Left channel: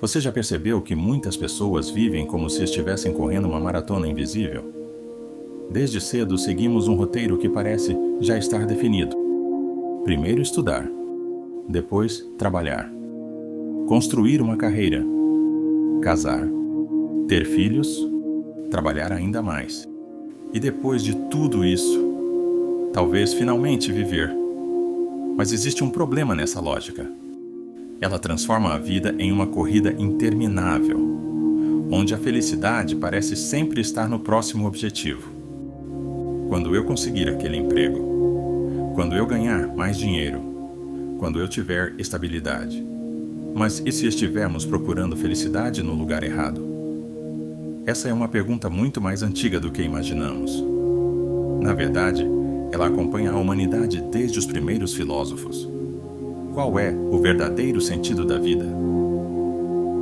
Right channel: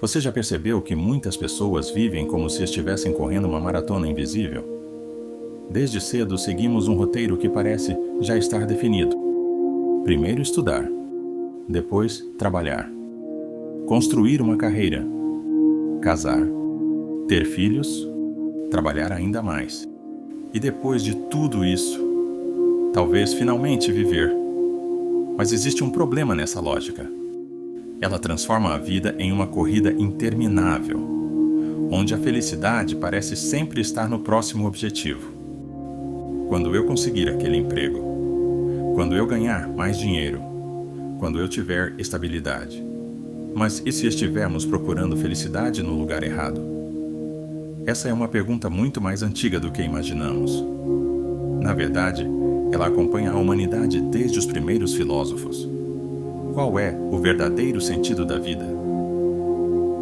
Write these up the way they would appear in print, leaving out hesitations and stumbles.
Você já percebeu que muitas pessoas vivem como se estivessem correndo uma maratona invisível? Desde cedo seguimos um roteiro que parece já estar definido. Primeiro estudar, depois trabalhar, construir uma carreira, casar, ter filhos, trabalhar ainda mais. E depois de tudo isso, talvez finalmente viver. Mas existe um problema nessa lógica. Ela transforma a vida em uma corrida interminável, onde a felicidade parece sempre estar no próximo objetivo. Quando eu conseguir aquele emprego, quando eu ganhar mais dinheiro, quando eu tiver estabilidade. Mas e se estivermos procurando felicidade no lugar errado? Essa é uma pergunta muito mais antiga do que imaginamos. Na verdade, ela acompanha a humanidade desde os primeiros filósofos. Qual é o verdadeiro sentido da vida?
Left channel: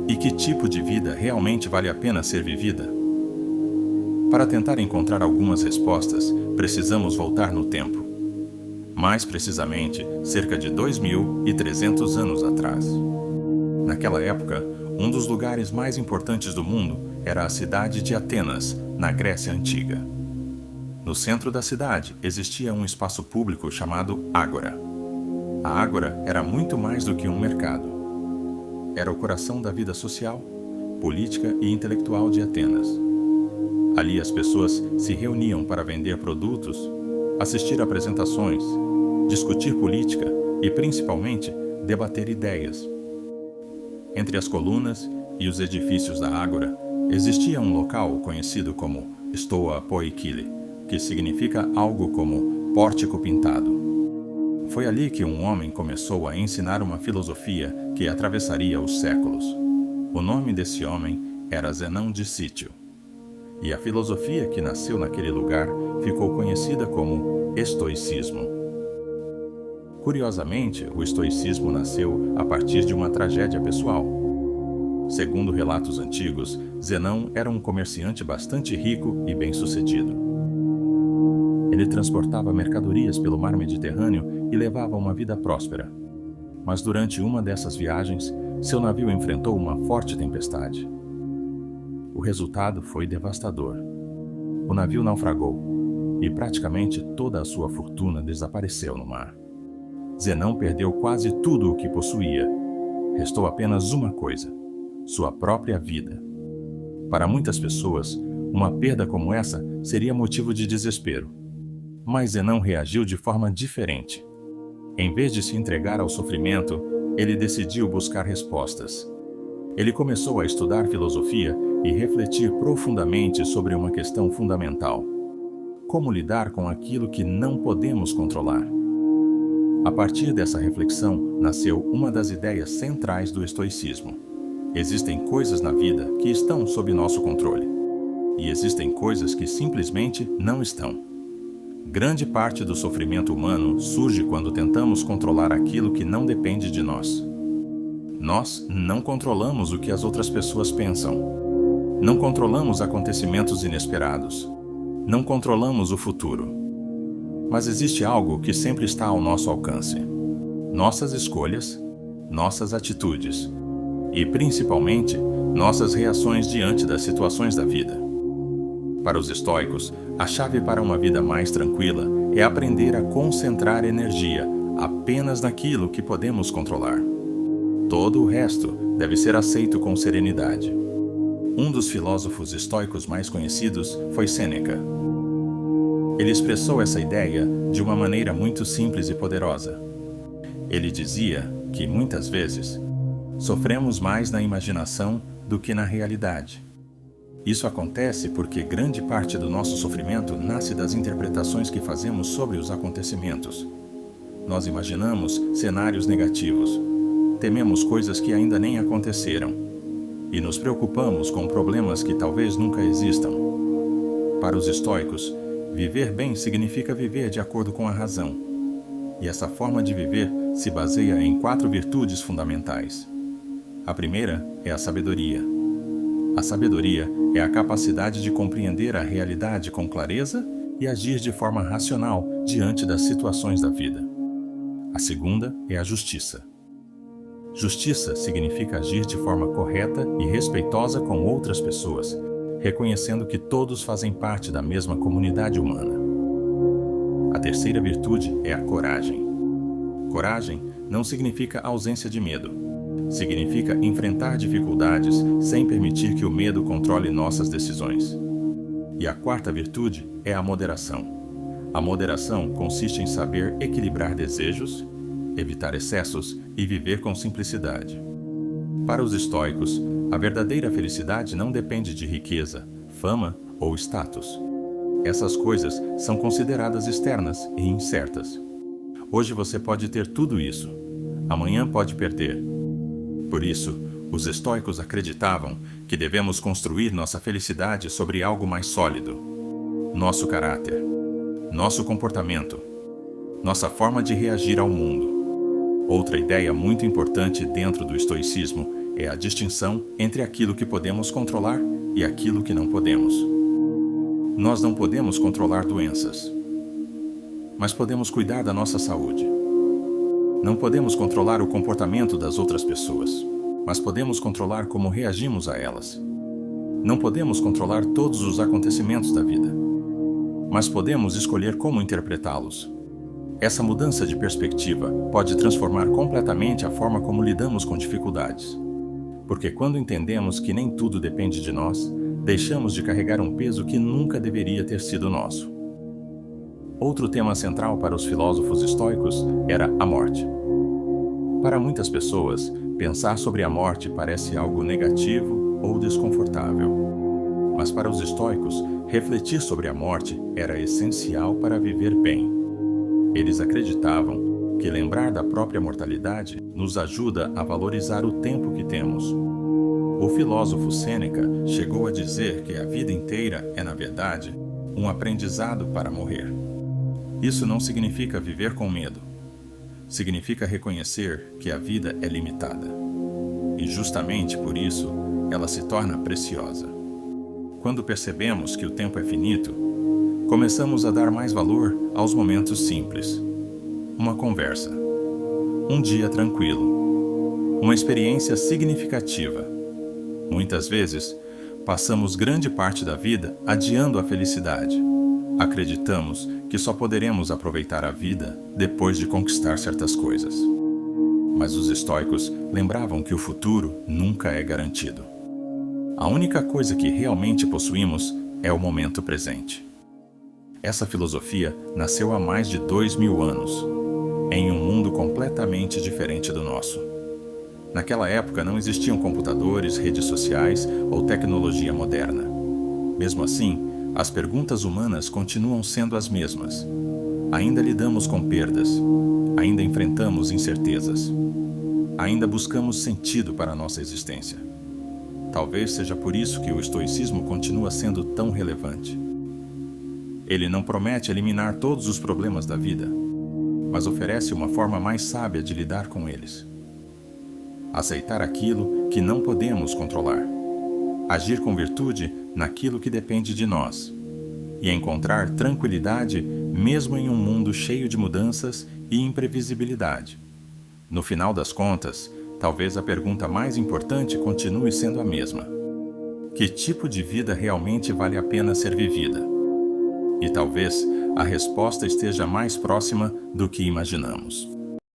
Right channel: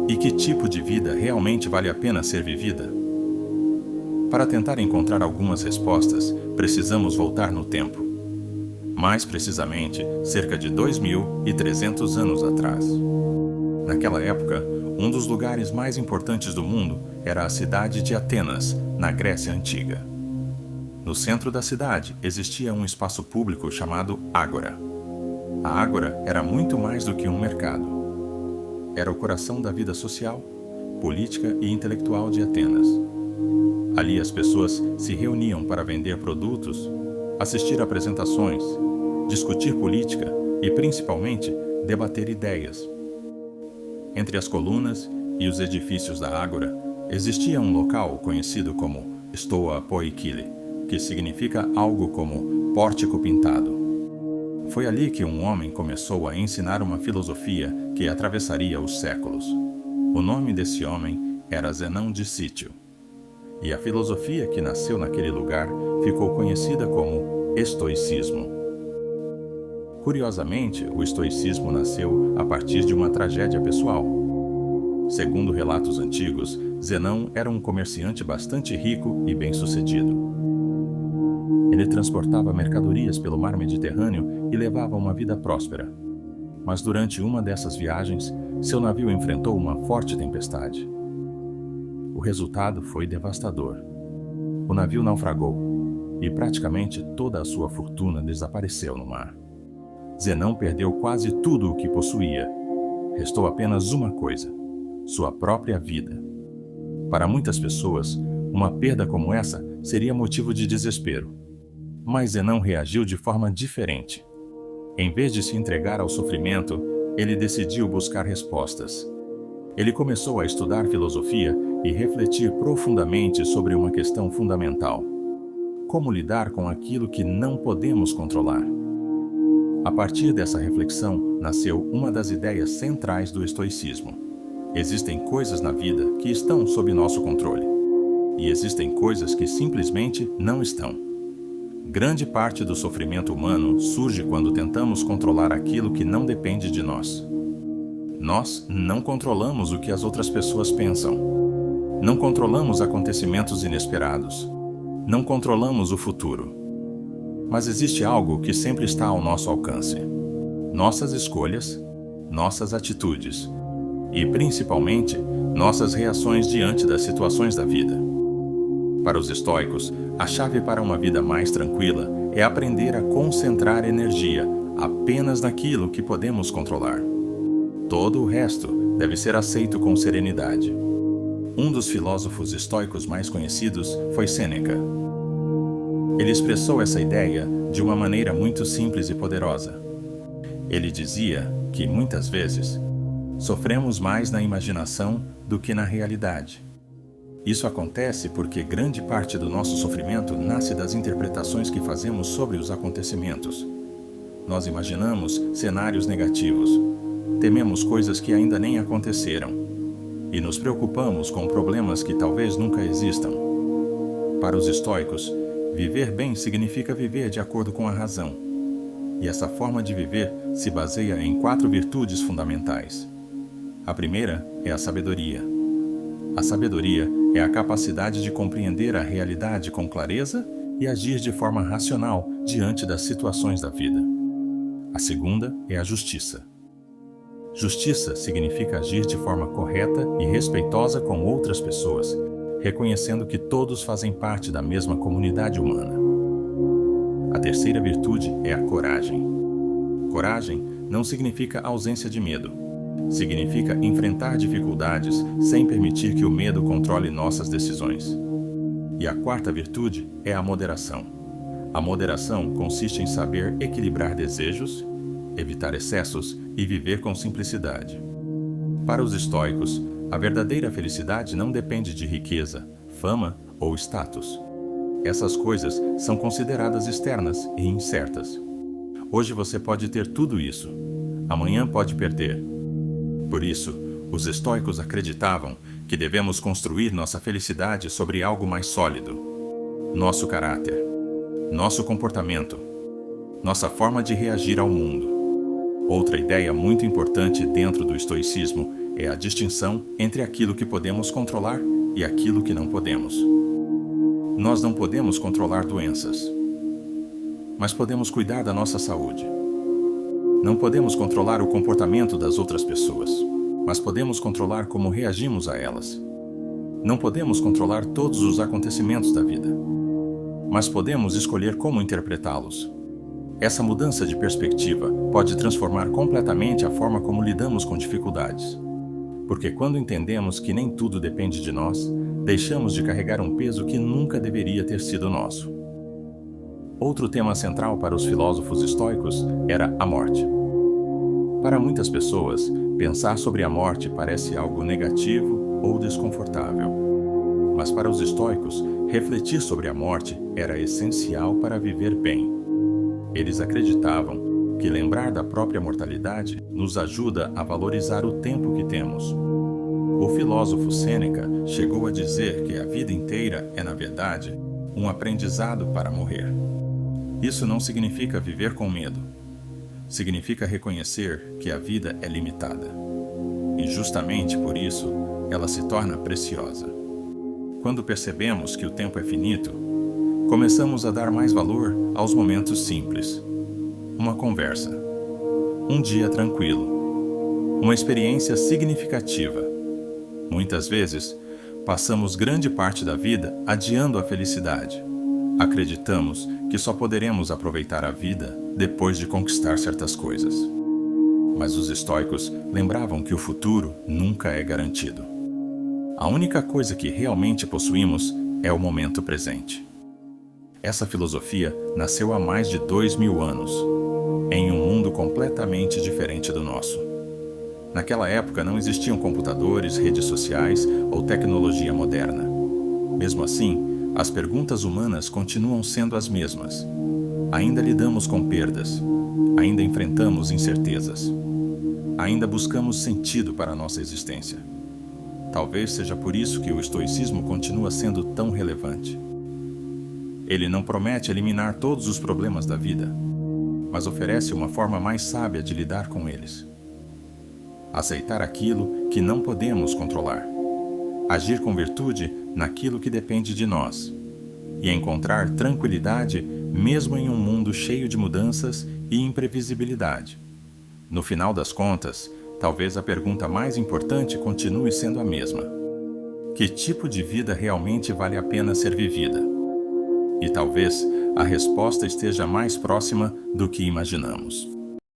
E que tipo de vida realmente vale a pena ser vivida? Para tentar encontrar algumas respostas, precisamos voltar no tempo. Mais precisamente, cerca de 2.300 anos atrás. Naquela época, um dos lugares mais importantes do mundo era a cidade de Atenas, na Grécia Antiga. No centro da cidade existia um espaço público chamado Ágora. A Ágora era muito mais do que um mercado. Era o coração da vida social, política e intelectual de Atenas. Ali as pessoas se reuniam para vender produtos, assistir a apresentações, discutir política e, principalmente, debater ideias. Entre as colunas e os edifícios da Ágora existia um local conhecido como Stoa Poikile, que significa algo como pórtico pintado. Foi ali que um homem começou a ensinar uma filosofia que atravessaria os séculos. O nome desse homem era Zenão de Cítio. E a filosofia que nasceu naquele lugar ficou conhecida como estoicismo. Curiosamente, o estoicismo nasceu a partir de uma tragédia pessoal. Segundo relatos antigos, Zenão era um comerciante bastante rico e bem-sucedido. Ele transportava mercadorias pelo mar Mediterrâneo e levava uma vida próspera. Mas durante uma dessas viagens, seu navio enfrentou uma forte tempestade. O resultado foi devastador. O navio naufragou e praticamente toda a sua fortuna desapareceu no mar. Zenão perdeu quase tudo o que possuía. Restou apenas uma coisa: sua própria vida. Para muitas pessoas, uma perda como essa seria motivo de desespero. Mas Zenão reagiu de forma diferente. Em vez de se entregar ao sofrimento, ele decidiu buscar respostas. Ele começou a estudar filosofia e refletir profundamente sobre uma questão fundamental: como lidar com aquilo que não podemos controlar? A partir dessa reflexão, nasceu uma das ideias centrais do estoicismo. Existem coisas na vida que estão sob nosso controle, e existem coisas que simplesmente não estão. Grande parte do sofrimento humano surge quando tentamos controlar aquilo que não depende de nós. Nós não controlamos o que as outras pessoas pensam. Não controlamos acontecimentos inesperados. Não controlamos o futuro. Mas existe algo que sempre está ao nosso alcance: nossas escolhas, nossas atitudes e, principalmente, nossas reações diante das situações da vida. Para os estoicos, a chave para uma vida mais tranquila é aprender a concentrar energia apenas naquilo que podemos controlar. Todo o resto deve ser aceito com serenidade. Um dos filósofos estoicos mais conhecidos foi Sêneca. Ele expressou essa ideia de uma maneira muito simples e poderosa. Ele dizia que, muitas vezes, sofremos mais na imaginação do que na realidade. Isso acontece porque grande parte do nosso sofrimento nasce das interpretações que fazemos sobre os acontecimentos. Nós imaginamos cenários negativos, tememos coisas que ainda nem aconteceram e nos preocupamos com problemas que talvez nunca existam. Para os estoicos, viver bem significa viver de acordo com a razão. E essa forma de viver se baseia em 4 virtudes fundamentais. A primeira é a sabedoria. A sabedoria é a capacidade de compreender a realidade com clareza e agir de forma racional diante das situações da vida. A segunda é a justiça. Justiça significa agir de forma correta e respeitosa com outras pessoas, reconhecendo que todos fazem parte da mesma comunidade humana. A terceira virtude é a coragem. Coragem não significa ausência de medo. Significa enfrentar dificuldades sem permitir que o medo controle nossas decisões. E a quarta virtude é a moderação. A moderação consiste em saber equilibrar desejos, evitar excessos e viver com simplicidade. Para os estoicos, a verdadeira felicidade não depende de riqueza, fama ou status. Essas coisas são consideradas externas e incertas. Hoje você pode ter tudo isso. Amanhã pode perder. Por isso, os estoicos acreditavam que devemos construir nossa felicidade sobre algo mais sólido. Nosso caráter, nosso comportamento, nossa forma de reagir ao mundo. Outra ideia muito importante dentro do estoicismo é a distinção entre aquilo que podemos controlar e aquilo que não podemos. Nós não podemos controlar doenças, mas podemos cuidar da nossa saúde. Não podemos controlar o comportamento das outras pessoas, mas podemos controlar como reagimos a elas. Não podemos controlar todos os acontecimentos da vida, mas podemos escolher como interpretá-los. Essa mudança de perspectiva pode transformar completamente a forma como lidamos com dificuldades. Porque quando entendemos que nem tudo depende de nós, deixamos de carregar um peso que nunca deveria ter sido nosso. Outro tema central para os filósofos estoicos era a morte. Para muitas pessoas, pensar sobre a morte parece algo negativo ou desconfortável. Mas para os estoicos, refletir sobre a morte era essencial para viver bem. Eles acreditavam que lembrar da própria mortalidade nos ajuda a valorizar o tempo que temos. O filósofo Sêneca chegou a dizer que a vida inteira é, na verdade, um aprendizado para morrer. Isso não significa viver com medo. Significa reconhecer que a vida é limitada. E justamente por isso, ela se torna preciosa. Quando percebemos que o tempo é finito, começamos a dar mais valor aos momentos simples. Uma conversa, um dia tranquilo, uma experiência significativa. Muitas vezes, passamos grande parte da vida adiando a felicidade. Acreditamos que só poderemos aproveitar a vida depois de conquistar certas coisas. Mas os estoicos lembravam que o futuro nunca é garantido. A única coisa que realmente possuímos é o momento presente. Essa filosofia nasceu há mais de 2000 anos, em um mundo completamente diferente do nosso. Naquela época não existiam computadores, redes sociais ou tecnologia moderna. Mesmo assim, as perguntas humanas continuam sendo as mesmas. Ainda lidamos com perdas, ainda enfrentamos incertezas, ainda buscamos sentido para a nossa existência. Talvez seja por isso que o estoicismo continua sendo tão relevante. Ele não promete eliminar todos os problemas da vida, mas oferece uma forma mais sábia de lidar com eles. Aceitar aquilo que não podemos controlar. Agir com virtude naquilo que depende de nós. E encontrar tranquilidade mesmo em um mundo cheio de mudanças e imprevisibilidade. No final das contas, talvez a pergunta mais importante continue sendo a mesma. Que tipo de vida realmente vale a pena ser vivida? E talvez a resposta esteja mais próxima do que imaginamos.